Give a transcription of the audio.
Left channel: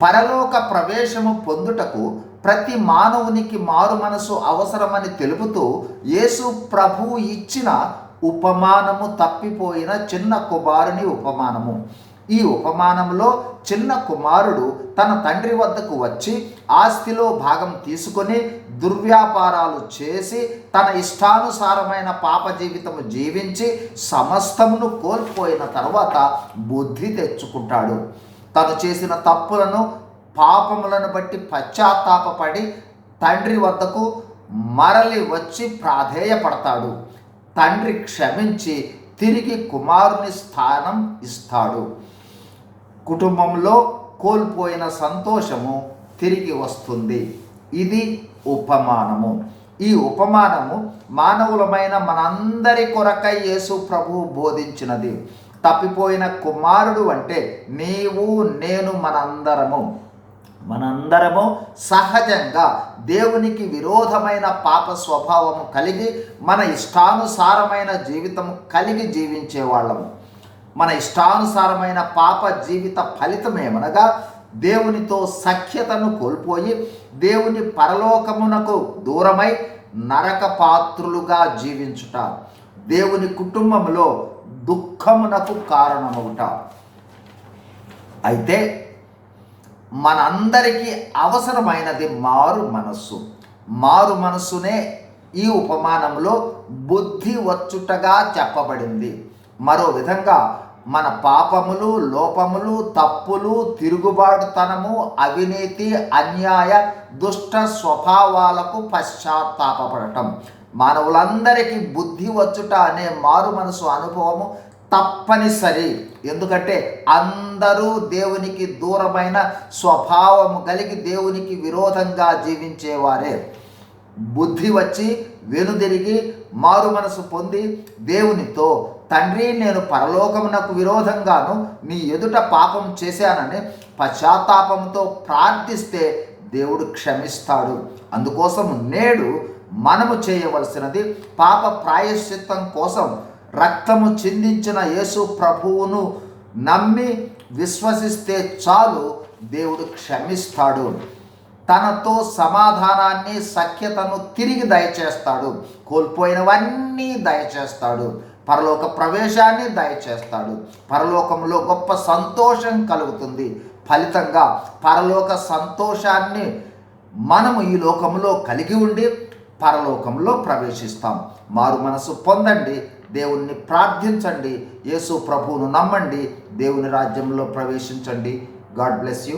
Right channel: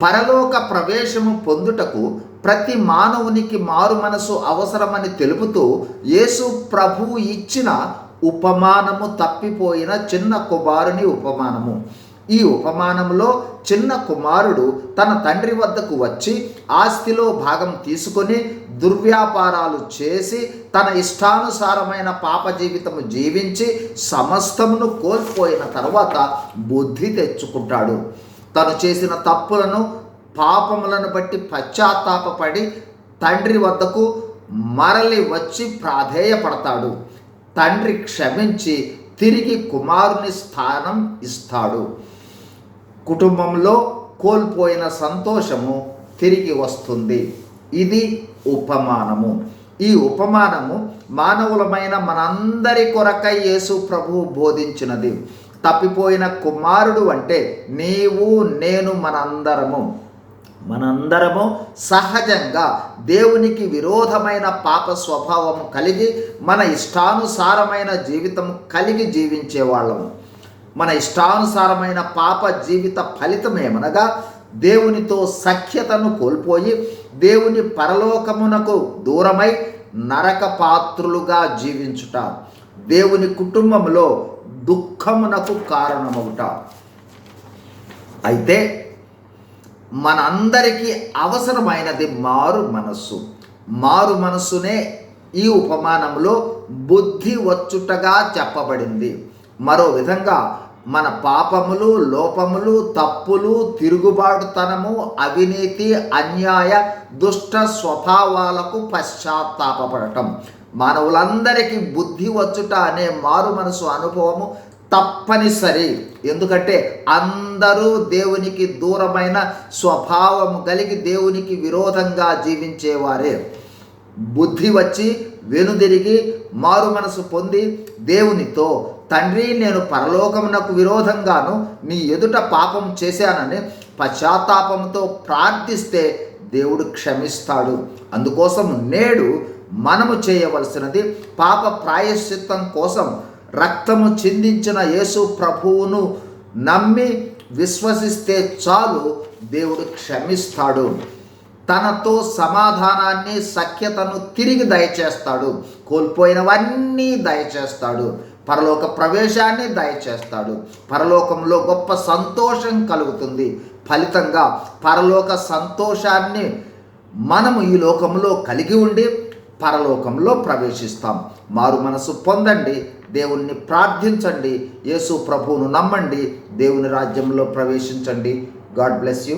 పరలోక ప్రవేశము పొందుటకు ప్రతి మానవునికి మారు మనసు అవసరమని తెలుపుతూ యేసు ప్రభువు ఇచ్చిన ఉపమానము తప్పిపోయిన చిన్న కుమారుని ఉపమానము. ఈ ఉపమానంలో చిన్న కుమారుడు తన తండ్రి వద్దకు వచ్చి ఆస్తిలో భాగం తీసుకొని దుర్వ్యాపారాలు చేసి తన ఇష్టానుసారమైన పాప జీవితము జీవించి సమస్తమును కోల్పోయిన తర్వాత బుద్ధి తెచ్చుకుంటాడు. తను చేసిన తప్పులను పాపములను బట్టి పశ్చాత్తాపపడి తండ్రి వద్దకు మరలి వచ్చి ప్రాధేయపడతాడు. తండ్రి క్షమించి తిరిగి కుమారుని స్థానం ఇస్తాడు. కుటుంబంలో కోల్పోయిన సంతోషము తిరిగి వస్తుంది. ఇది ఉపమానము. ఈ ఉపమానము మానవులమైన మనందరి కొరకై యేసు ప్రభువు బోధించినది. తప్పిపోయిన కుమారుడు అంటే నీవు నేను మనందరము సహజంగా దేవునికి విరోధమైన పాప స్వభావము కలిగి మన ఇష్టానుసారమైన జీవితం కలిగి జీవించేవాళ్ళము. మన ఇష్టానుసారమైన పాప జీవిత ఫలితమేమనగా దేవునితో సఖ్యతను కోల్పోయి దేవుని పరలోకమునకు దూరమై నరక పాత్రులుగా జీవించుట, దేవుని కుటుంబంలో దుఃఖమునకు కారణమవుట. అయితే మనందరికీ అవసరమైనది మారు మనస్సునే ఈ ఉపమానంలో బుద్ధి వచ్చుటగా చెప్పబడింది. మరో విధంగా మన పాపములు, లోపములు, తప్పులు, తిరుగుబాటుతనము, అవినీతి, అన్యాయ, దుష్ట స్వభావాలకు పశ్చాత్తాపడటం. మానవులందరికీ బుద్ధి వచ్చుట అనే మారు మనసు అనుభవము తప్పనిసరి. ఎందుకంటే అందరూ దేవునికి దూరమైన స్వభావము కలిగి దేవునికి విరోధంగా జీవించేవారే. బుద్ధి వచ్చి వెనుదిరిగి మారు మనసు పొంది దేవునితో తండ్రి నేను పరలోకమునకు విరోధంగాను నీ ఎదుట పాపం చేశానని పశ్చాత్తాపంతో ప్రార్థిస్తే దేవుడు క్షమిస్తాడు. అందుకోసం నేడు మనము చేయవలసినది పాప ప్రాయశ్చిత్తం కోసం రక్తము చిందించిన యేసు ప్రభువును నమ్మి విశ్వసిస్తే చాలు, దేవుడు క్షమిస్తాడు. తనతో సమాధానాన్ని, సఖ్యతను తిరిగి దయచేస్తాడు. కోల్పోయినవన్నీ దయచేస్తాడు. పరలోక ప్రవేశాన్ని దయచేస్తాడు. పరలోకంలో గొప్ప సంతోషం కలుగుతుంది. ఫలితంగా పరలోక సంతోషాన్ని మనము ఈ లోకంలో కలిగి ఉండి పరలోకంలో ప్రవేశిస్తాం. మారు మనసు పొందండి, దేవుణ్ణి ప్రార్థించండి, యేసు ప్రభువును నమ్మండి, దేవుని రాజ్యంలో ప్రవేశించండి. God bless you.